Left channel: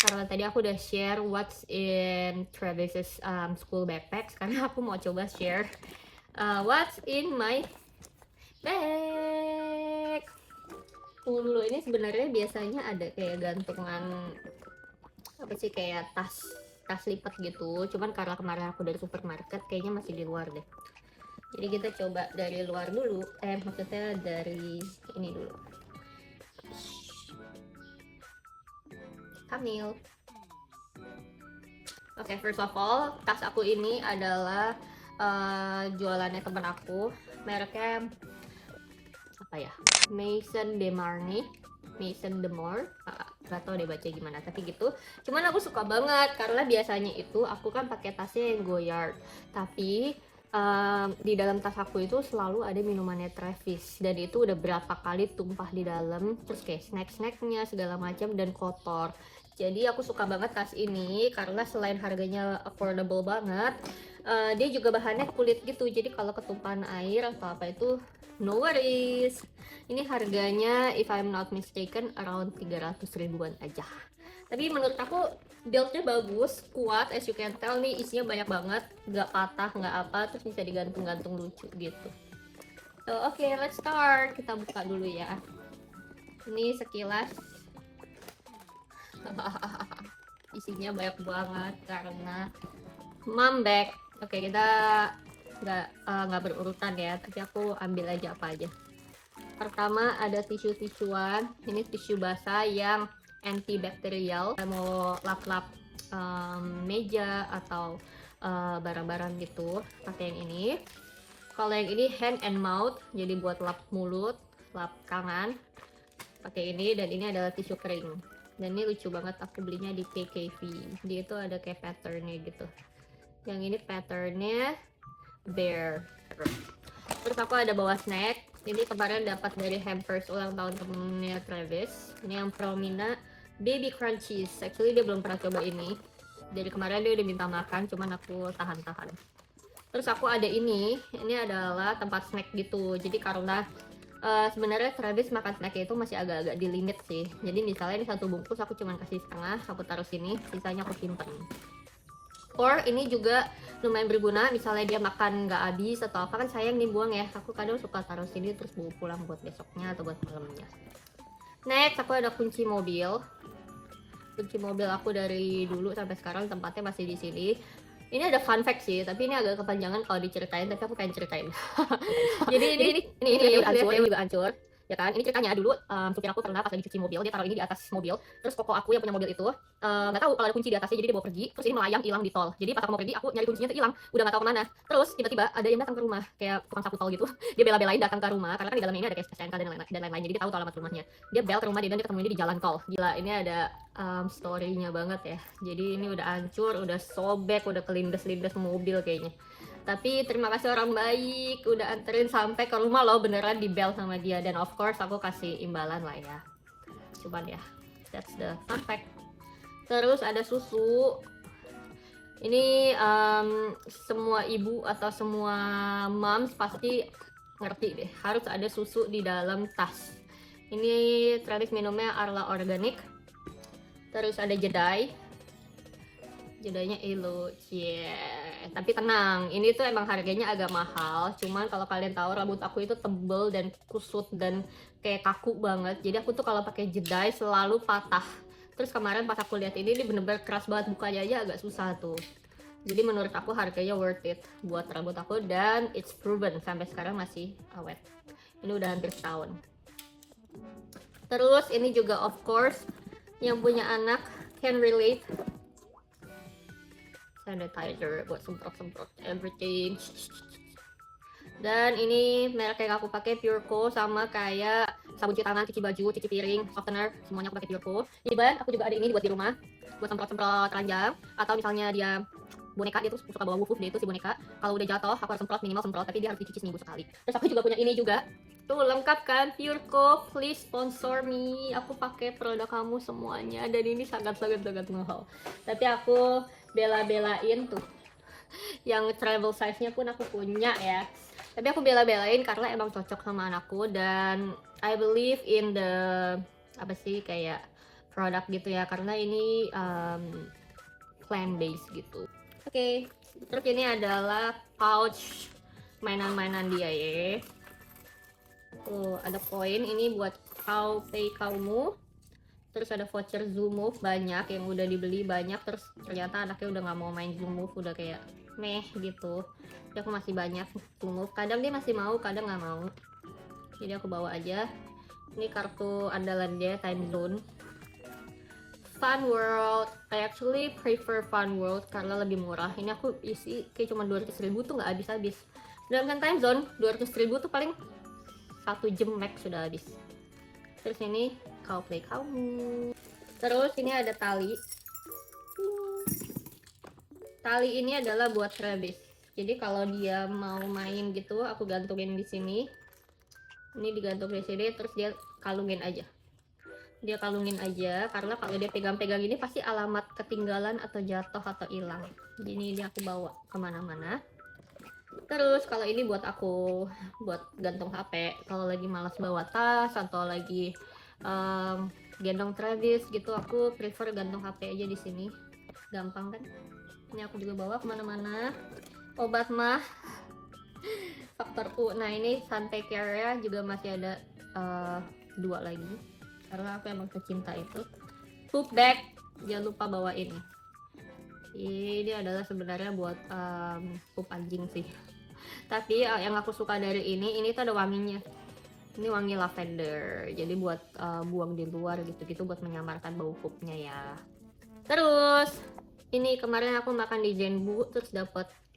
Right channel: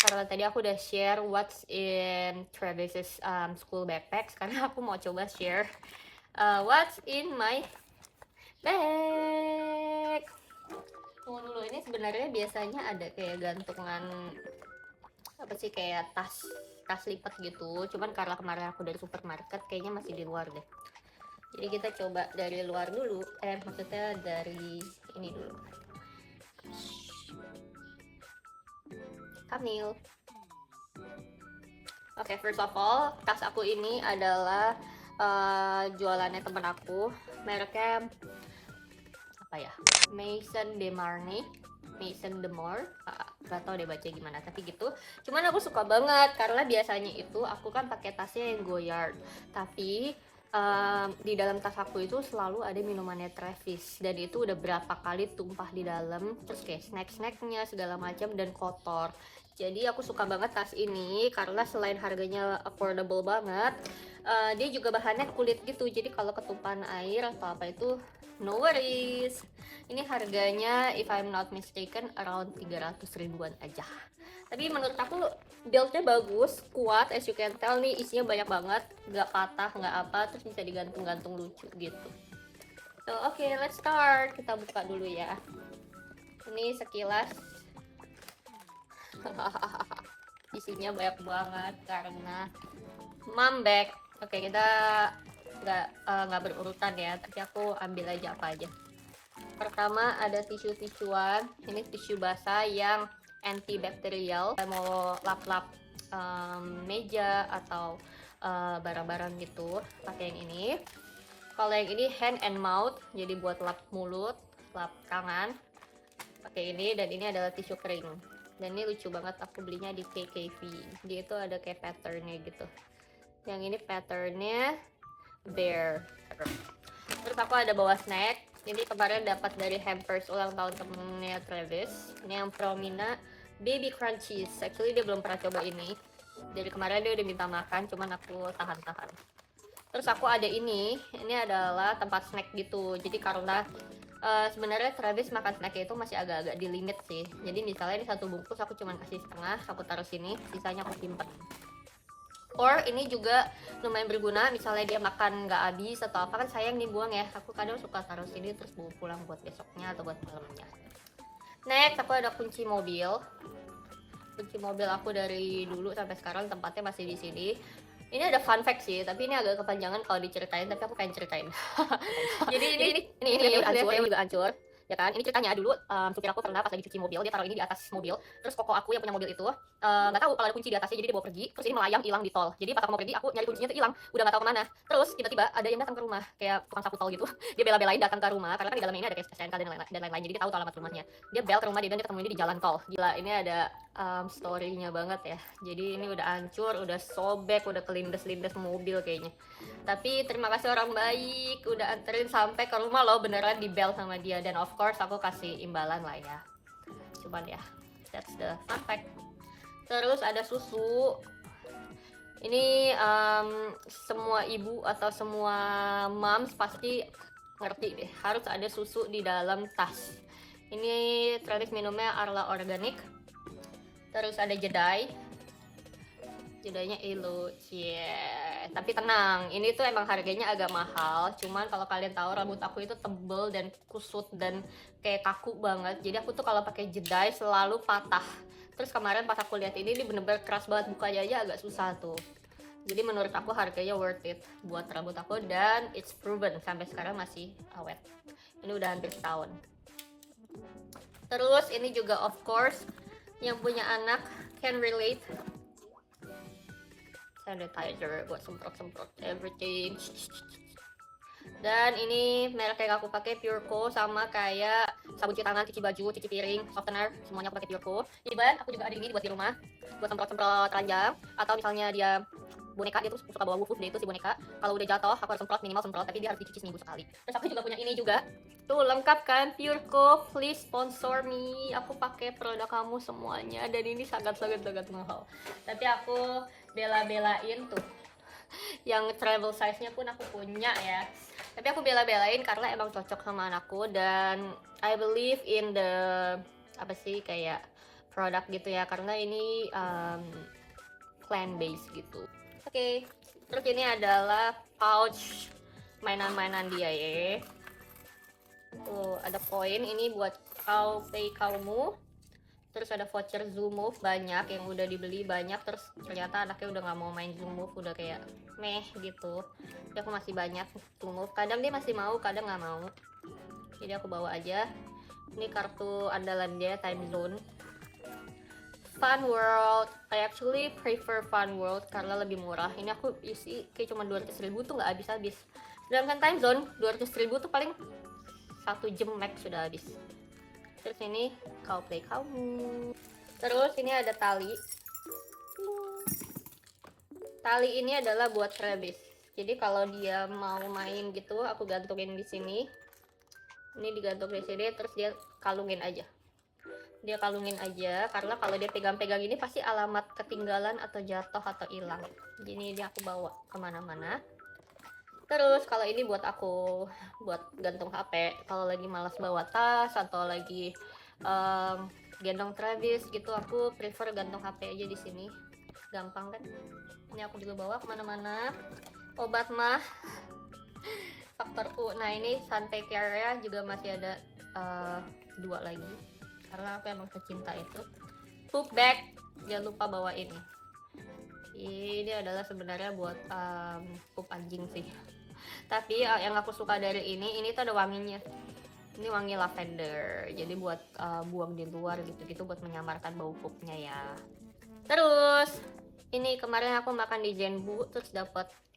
Karena tadi aku udah share what's in Travis's school backpack, sekarang aku mau coba share what's in my bag. Tunggu dulu, ini sebenarnya biasanya ada kayak gantungan apa sih, kayak tas lipat gitu, cuman karena kemarin aku dari supermarket kayaknya masih di luar deh. Jadi kita coba dari luar dulu, maksudnya dari ini dulu. Kamil. Oke, first of all, tas aku ini adalah jualannya temen aku, mereknya apa ya, Maison de Marne, Maison de Mar, nggak tahu deh baca gimana, tapi gitu. Cuman aku suka banget karena biasanya itu aku kan pakai tasnya yang Goyard, tapi di dalam tas aku itu selalu ada minumannya Travis, dan itu udah berapa kali tumpah di dalam, terus kayak snack-snacknya segala macam dan kotor. Jadi aku suka banget tas ini karena selain harganya affordable banget, dia juga bahannya kulit gitu, jadi kalau ketumpahan air atau apa itu no worries. Ini harganya if I'm not mistaken around 300 ribuan aja. Tapi menurut aku buildnya bagus, kuat, as you can tell nih, isinya banyak banget, nggak patah, nggak apa, terus bisa digantung-gantung lucu gitu. So oke, let's start. Kita buka dulu ya. Ini sekilas. Isinya banyak banget karena mom bag. Oke, kita nggak berurutan ya, tapi aku ambil aja apa aja. Pertama ada tisu-tisuan, ini tisu basah yang antibakterial. Saya mau lap-lap meja atau barang-barang gitu, pakai yang ini. Kalau yang ini hand and mouth, jadi buat lap mulut, lap tangan, pakai ini. Dan ini adalah tisu kering, dan ini lucu banget, aku belinya di KKV. Dia itu ada kayak patternnya gitu. Yang ini patternnya bear. Terus aku ada bawa snack. Ini kemarin dapat dari hampers ulang tahun temennya Travis. Ini yang Promina Baby Crunchies. Actually dia belum pernah coba ini. Dari kemarin dia udah minta makan, cuman aku tahan-tahan. Terus aku ada ini adalah tempat snack gitu. Jadi karena sebenarnya Travis makan snacknya itu masih agak-agak di limit sih. Jadi misalnya ini satu bungkus aku cuman kasih setengah, aku taruh sini, sisanya aku simpen. Or ini juga lumayan berguna, misalnya dia makan nggak habis atau apa, kan sayang nih buang ya. Aku kadang suka taruh sini terus bawa pulang buat besoknya atau buat malamnya. Next aku ada kunci mobil. Kunci mobil aku dari dulu sampai sekarang tempatnya masih di sini. Ini ada fun fact sih, tapi ini agak kepanjangan kalau diceritain, tapi aku pengen ceritain. Jadi ini udah hancur. Ya kan, ini ceritanya dulu supir aku pernah pas lagi cuci mobil, dia taruh ini di atas mobil. Terus koko aku yang punya mobil itu nggak tahu kalau ada kunci di atasnya, jadi dia bawa pergi. Terus ini melayang hilang di tol. Jadi pas aku mau pergi, aku nyari kuncinya tuh hilang, udah nggak tahu kemana. Terus tiba-tiba ada yang datang ke rumah, kayak tukang sapu tol gitu. Dia bela-belain datang ke rumah karena kan di dalamnya ini ada kayak STNK dan lain-lain. Jadi dia tahu alamat rumahnya. Dia bel ke rumah dia dan dia ketemu ini di jalan tol. Gila, ini ada story-nya banget ya. Jadi ini udah hancur, udah sobek, udah kelindes-lindes mobil kayaknya. Tapi terima kasih orang baik, udah anterin sampai ke rumah loh, beneran di bel sama dia. Dan of course aku kasih imbalan lah ya. Cuman ya, that's the fun fact. Terus ada susu. Ini semua ibu atau semua moms pasti ngerti deh, harus ada susu di dalam tas. Ini Travis minumnya Arla Organic. Terus ada jedai. Jedainya Elo, yeah. Tapi tenang, ini tuh emang harganya agak mahal. Cuman kalau kalian tahu rambut aku itu tebel dan kusut dan kayak kaku banget. Jadi aku tuh kalau pakai jedai selalu patah. Terus kemarin pas aku lihat ini bener-bener keras banget, bukanya aja agak susah tuh. Jadi menurut aku harganya worth it buat rambut aku, dan it's proven sampai sekarang masih awet. Ini udah hampir setahun. Terus ini juga of course yang punya anak can relate. Sanitizer buat semprot-semprot everything. Dan ini merek yang aku pakai Pureco, sama kayak sabun cuci tangan, cuci baju, cuci piring, softener, semuanya aku pakai Pureco. Even aku juga ada ini buat di rumah, buat semprot-semprot ranjang, atau misalnya dia boneka, dia tuh suka bawa wufuf, dia itu si boneka. Kalau udah jatuh aku harus semprot, minimal semprot, tapi dia harus dicuci seminggu sekali. Terus aku juga punya ini juga. Tuh lengkap kan, Pureco, please sponsor me. Aku pakai produk kamu semuanya, dan ini sangat-sangat mahal. Tapi aku bela-belain tuh. Yang travel size-nya pun aku punya ya. Tapi aku bela-belain karena emang cocok sama anakku, dan I believe in the apa sih, kayak produk gitu ya, karena ini plant based gitu. Oke, terus ini adalah pouch mainan-mainan dia ya. Tuh ada koin, ini buat kau pay kaumu. Terus ada voucher Zoom Move banyak yang udah dibeli banyak, terus ternyata anaknya udah nggak mau main Zoom Move, udah kayak meh gitu. Jadi aku masih banyak Zoom Move, kadang dia masih mau, kadang nggak mau, jadi aku bawa aja. Ini kartu andalan dia, Time Zone. Fun World, I actually prefer Fun World karena lebih murah. Ini aku isi kayak cuma 200.000 tuh nggak habis-habis. Sedangkan Time Zone 200.000 tuh paling 1 jam max sudah habis. Terus ini kau play kamu. Terus ini ada tali. Tali ini adalah buat Travis. Jadi kalau dia mau main gitu, aku gantungin di sini. Ini digantung di sini, terus dia kalungin aja. Dia kalungin aja, karena kalau dia pegang-pegang ini pasti alamat ketinggalan atau jatuh atau hilang. Jadi ini dia aku bawa kemana-mana. Terus kalau ini buat aku buat gantung HP kalau lagi malas bawa tas atau lagi gendong Travis gitu, aku prefer gantung HP aja di sini, gampang kan. Ini aku juga bawa kemana-mana. Obat mah faktor U. Nah ini Sunpay Care juga masih ada 2 lagi karena aku emang secinta itu. Poop bag jangan lupa bawa ini. Ini adalah sebenarnya buat pup anjing sih. Tapi yang aku suka dari ini tuh ada wanginya. Ini wangi lavender. Jadi buat buang di luar gitu-gitu, buat menyamarkan bau pupnya ya. Terus ini kemarin aku makan di Zenbu, terus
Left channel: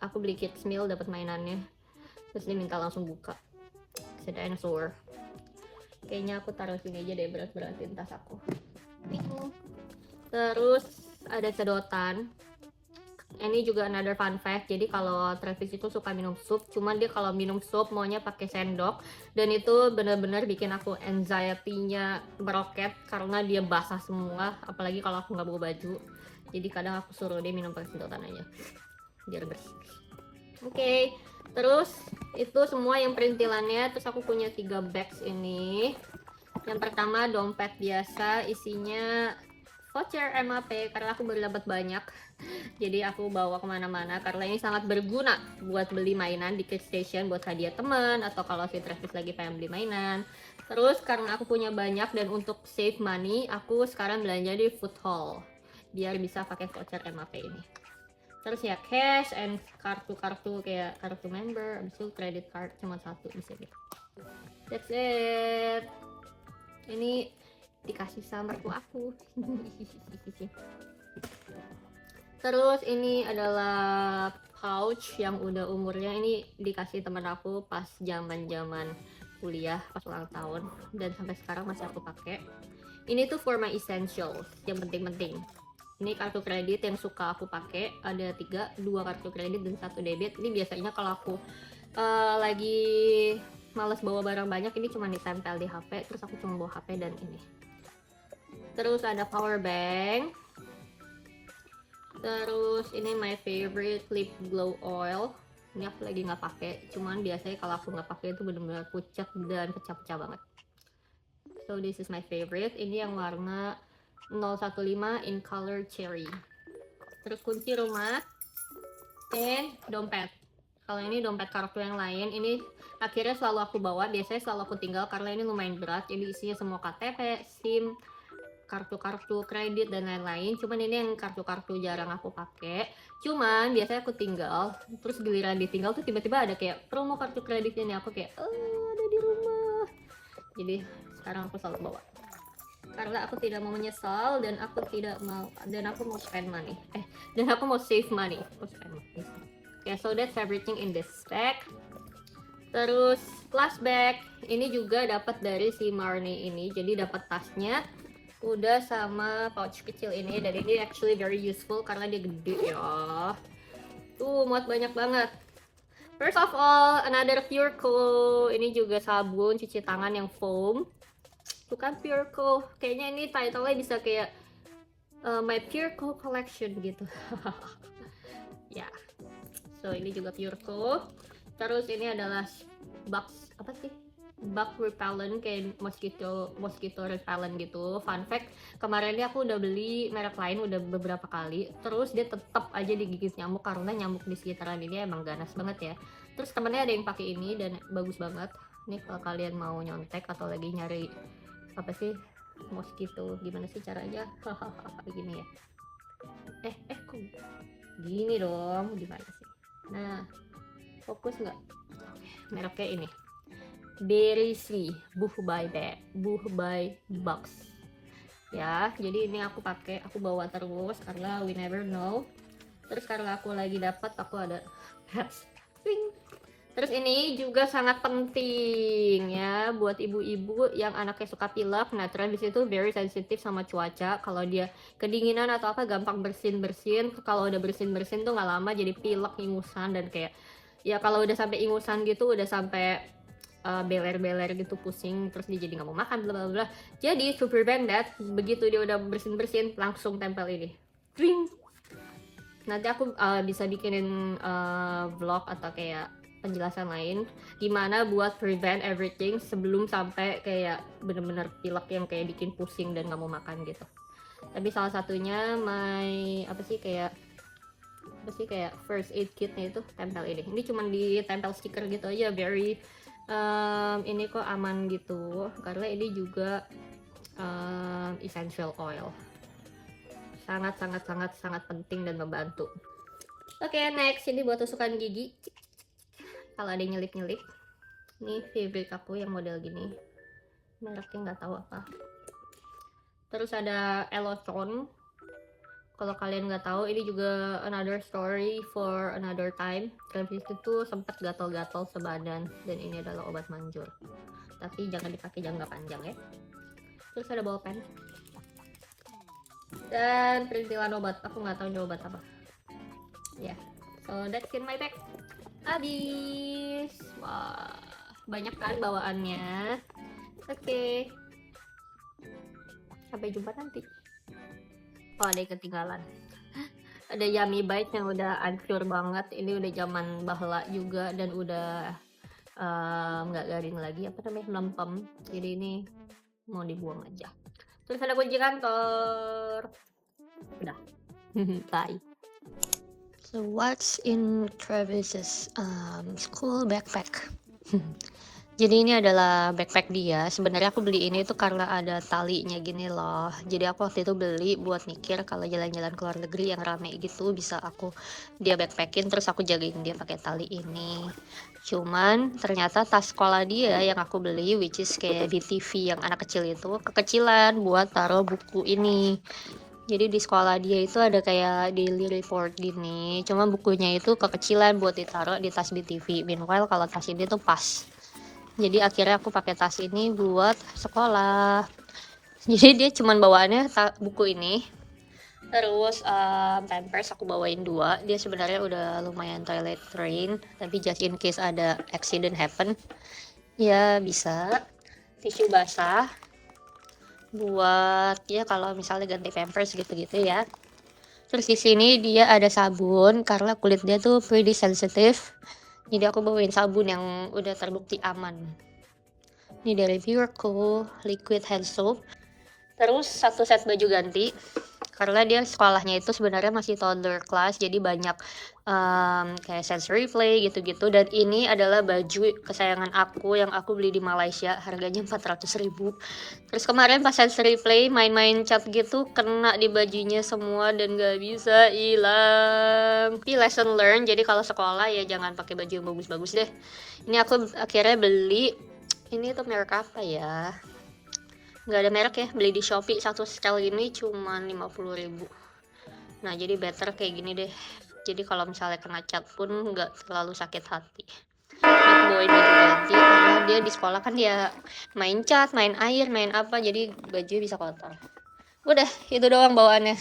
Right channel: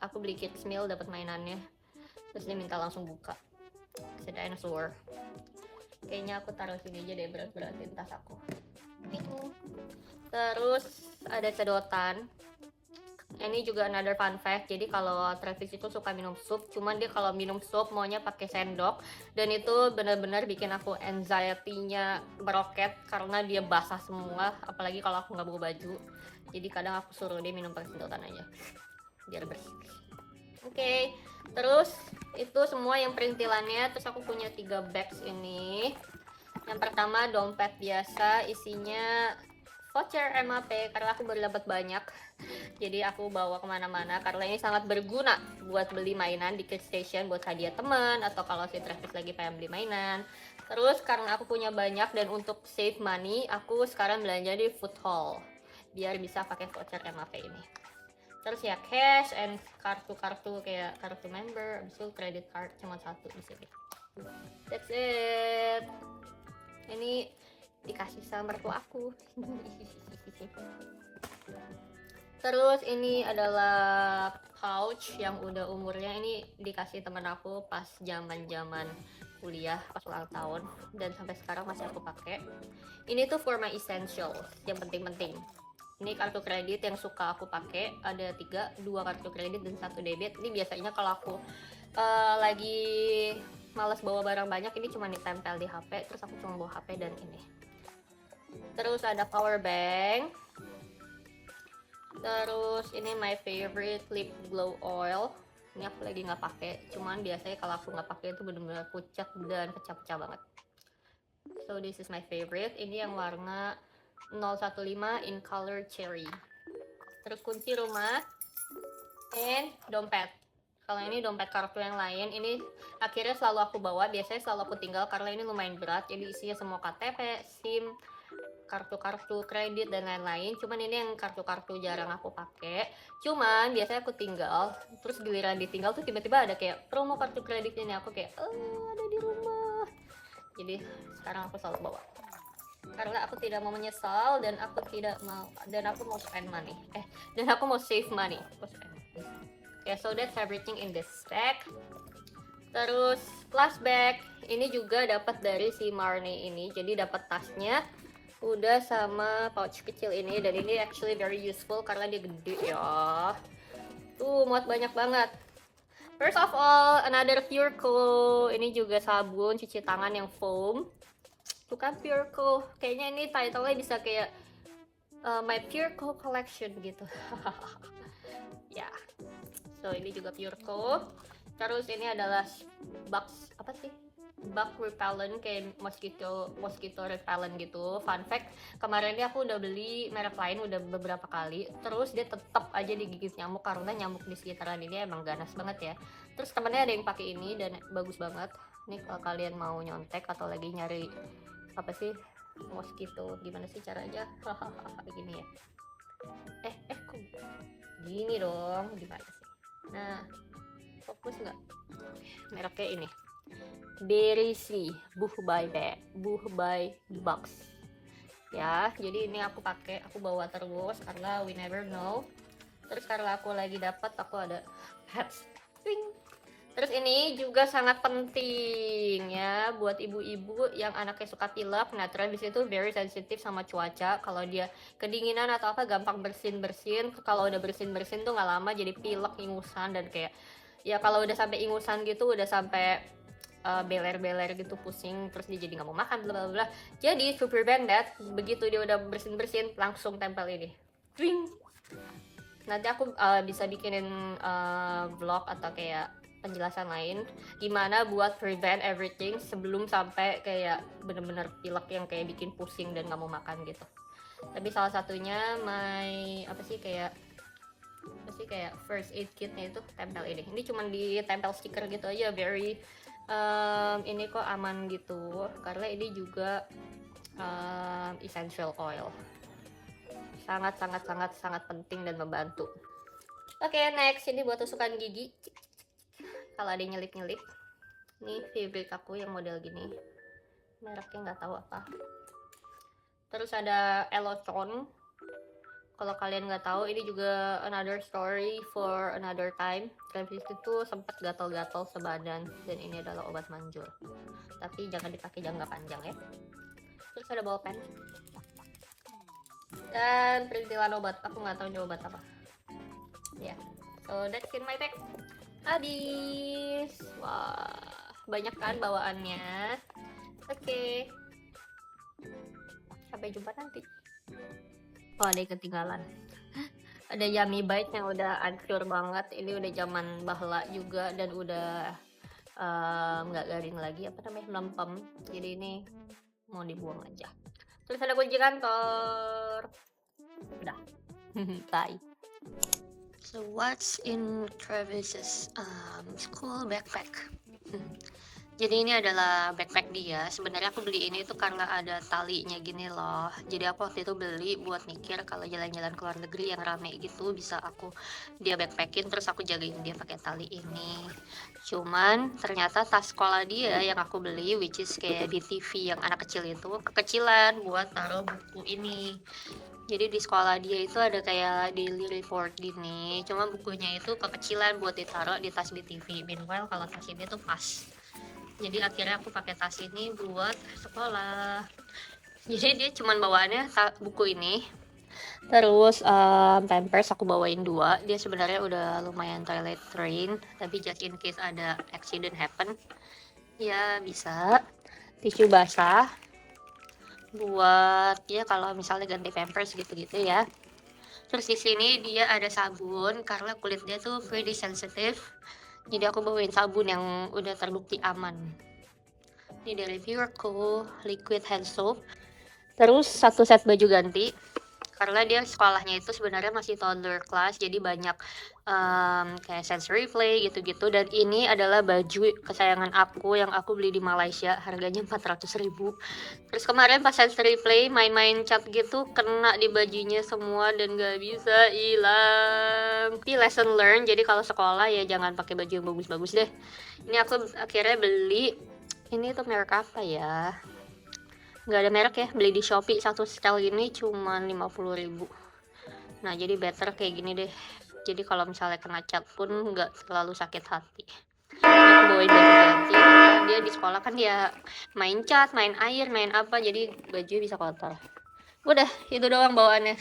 aku beli kids meal, dapat mainannya. Terus dia minta langsung buka. Ada dinosaur. Kayaknya aku taruh sini aja deh, berat-beratin tas aku. Terus ada sedotan. Ini juga another fun fact. Jadi kalau Travis itu suka minum sup, cuman dia kalau minum sup maunya pakai sendok, dan itu benar-benar bikin aku anxiety-nya meroket karena dia basah semua, apalagi kalau aku nggak bawa baju. Jadi kadang aku suruh dia minum pakai sedotan aja biar bersih. Oke, terus itu semua yang perintilannya. Terus aku punya 3 bags ini. Yang pertama dompet biasa, isinya voucher MAP karena aku baru dapat banyak. Jadi aku bawa kemana-mana karena ini sangat berguna buat beli mainan di Kids Station, buat hadiah teman atau kalau si Travis lagi pengen beli mainan. Terus karena aku punya banyak dan untuk save money, aku sekarang belanja di Food Hall biar bisa pakai voucher MAP ini. Terus ya cash and kartu-kartu kayak kartu member, abis itu credit card cuma 1 di sini. That's it. Ini dikasih sama mertua aku. Terus ini adalah pouch yang udah umurnya, ini dikasih teman aku pas zaman-zaman kuliah, pas ulang tahun, dan sampai sekarang masih aku pakai. Ini tuh for my essentials, yang penting-penting. Ini kartu kredit yang suka aku pakai, ada 2 kartu kredit dan 1 debit. Ini biasanya kalau aku lagi males bawa barang banyak, ini cuma ditempel di HP, terus aku cuma bawa HP dan ini. Terus ada power bank. Terus ini my favorite lip glow oil. Ini aku lagi nggak pakai, cuman biasanya kalau aku nggak pakai itu bener-bener pucat dan pecah-pecah banget. So this is my favorite. Ini yang warna 015 in color cherry. Terus kunci rumah and dompet. Kalau ini dompet kartu yang lain, ini akhirnya selalu aku bawa, biasanya selalu aku tinggal karena ini lumayan berat. Jadi isinya semua KTP, SIM, kartu-kartu kredit dan lain-lain. Cuman ini yang kartu-kartu jarang aku pakai. Cuman biasanya aku tinggal, terus giliran ditinggal tuh tiba-tiba ada kayak promo kartu kredit ini, aku kayak ada di rumah. Jadi sekarang aku selalu bawa. Karena aku tidak mau menyesal dan aku mau spend money. Dan aku mau save money. Okay, so that's everything in this bag. Terus last bag ini juga dapat dari si Marnie ini. Jadi dapat tasnya udah sama pouch kecil ini, dan ini actually very useful karena dia gede ya. Tuh muat banyak banget. First of all, another Pureco. Ini juga sabun cuci tangan yang foam. Tuh kan Pureco. Kayaknya ini title-nya bisa kayak My Pureco Collection gitu. Ya. So ini juga Pureco. Terus ini adalah box apa sih? bug repellent, kayak mosquito repellent gitu. Fun fact, kemarin ini aku udah beli merek lain udah beberapa kali, terus dia tetap aja digigit nyamuk karena nyamuk di sekitaran ini emang ganas banget ya. Terus temennya ada yang pakai ini dan bagus banget. Nih kalau kalian mau nyontek atau lagi nyari apa sih mosquito, gimana sih caranya? Hahaha, gini ya. Kok gini dong, gimana sih? Nah, fokus nggak? Mereknya ini. Berry Sweet Buh by Box. Ya, jadi ini aku pakai, aku bawa terus karena we never know. Terus karena aku lagi dapat, aku ada hats. Terus ini juga sangat penting ya buat ibu-ibu yang anaknya suka pilek. Nah, Travis itu very sensitif sama cuaca. Kalau dia kedinginan atau apa gampang bersin-bersin. Kalau udah bersin-bersin tuh nggak lama jadi pilek, ingusan, dan kayak ya kalau udah sampai ingusan gitu, udah sampai beler-beler gitu, pusing, terus dia jadi nggak mau makan, bla bla bla. Jadi to prevent that, begitu dia udah bersin-bersin langsung tempel ini. Ring. Nanti aku bisa bikinin vlog atau kayak penjelasan lain gimana buat prevent everything sebelum sampai kayak bener-bener pilek yang kayak bikin pusing dan nggak mau makan gitu. Tapi salah satunya kayak first aid kitnya itu tempel ini. Ini cuma ditempel stiker gitu aja, very ini kok aman gitu karena ini juga essential oil. Sangat penting dan membantu. Oke, next ini buat tusukan gigi. Kalau ada nyelip-nyelip, ini favorite aku yang model gini, mereknya nggak tahu apa. Terus ada Elotron. Kalau kalian nggak tahu, ini juga another story for another time. Travis itu sempat gatal-gatal sebadan, dan ini adalah obat manjur. Tapi jangan dipakai jangka panjang ya. Terus ada bolpen dan perintilan obat. Aku nggak tahu ini obat apa. Ya, so that's in my bag. Habis. Wah, banyak kan bawaannya. Oke. Sampai jumpa nanti. Oh, ada yang ketinggalan. Ada Yummy Bites yang udah hancur banget. Ini udah zaman bahla juga dan udah nggak garing lagi. Apa namanya? Melempem. Jadi ini mau dibuang aja. Terus ada kunci kantor. Udah. Bye. So what's in Travis's school backpack? Jadi ini adalah backpack dia. Sebenarnya aku beli ini tuh karena ada talinya gini loh. Jadi aku waktu itu beli buat mikir kalau jalan-jalan ke luar negeri yang rame gitu bisa dia backpackin, terus aku jagain dia pakai tali ini. Cuman ternyata tas sekolah dia yang aku beli, which is kayak di TV yang anak kecil itu, kekecilan buat taruh buku ini. Jadi di sekolah dia itu ada kayak daily report gini, cuma bukunya itu kekecilan buat ditaruh di tas BTV. Meanwhile kalau tas ini tuh pas. Jadi akhirnya aku pakai tas ini buat sekolah. Jadi dia cuman bawaannya buku ini. Terus Pampers aku bawain 2. Dia sebenarnya udah lumayan toilet train, tapi just in case ada accident happen, ya bisa. Tisu basah buat ya kalau misalnya ganti Pampers gitu-gitu ya. Terus di sini dia ada sabun karena kulit dia tuh pretty sensitive. Jadi aku bawain sabun yang udah terbukti aman. Ini dari Pureco liquid hand soap. Terus 1 set baju ganti karena dia sekolahnya itu sebenarnya masih toddler class, jadi banyak kayak sensory play gitu-gitu. Dan ini adalah baju kesayangan aku yang aku beli di Malaysia, harganya 400.000. Terus kemarin pas sensory play main-main cat gitu kena di bajunya semua dan gak bisa hilang. Tapi lesson learn, jadi kalau sekolah ya jangan pakai baju yang bagus-bagus deh. Ini aku akhirnya beli, ini tuh merek apa ya, nggak ada merek ya, beli di Shopee. 1 setel ini cuma 50.000. Nah jadi better kayak gini deh, jadi kalau misalnya kena cat pun nggak terlalu sakit hati. Ini aku bawain baju ganti karena dia di sekolah kan dia main cat, main air, main apa, jadi baju bisa kotor. Udah itu doang bawaannya.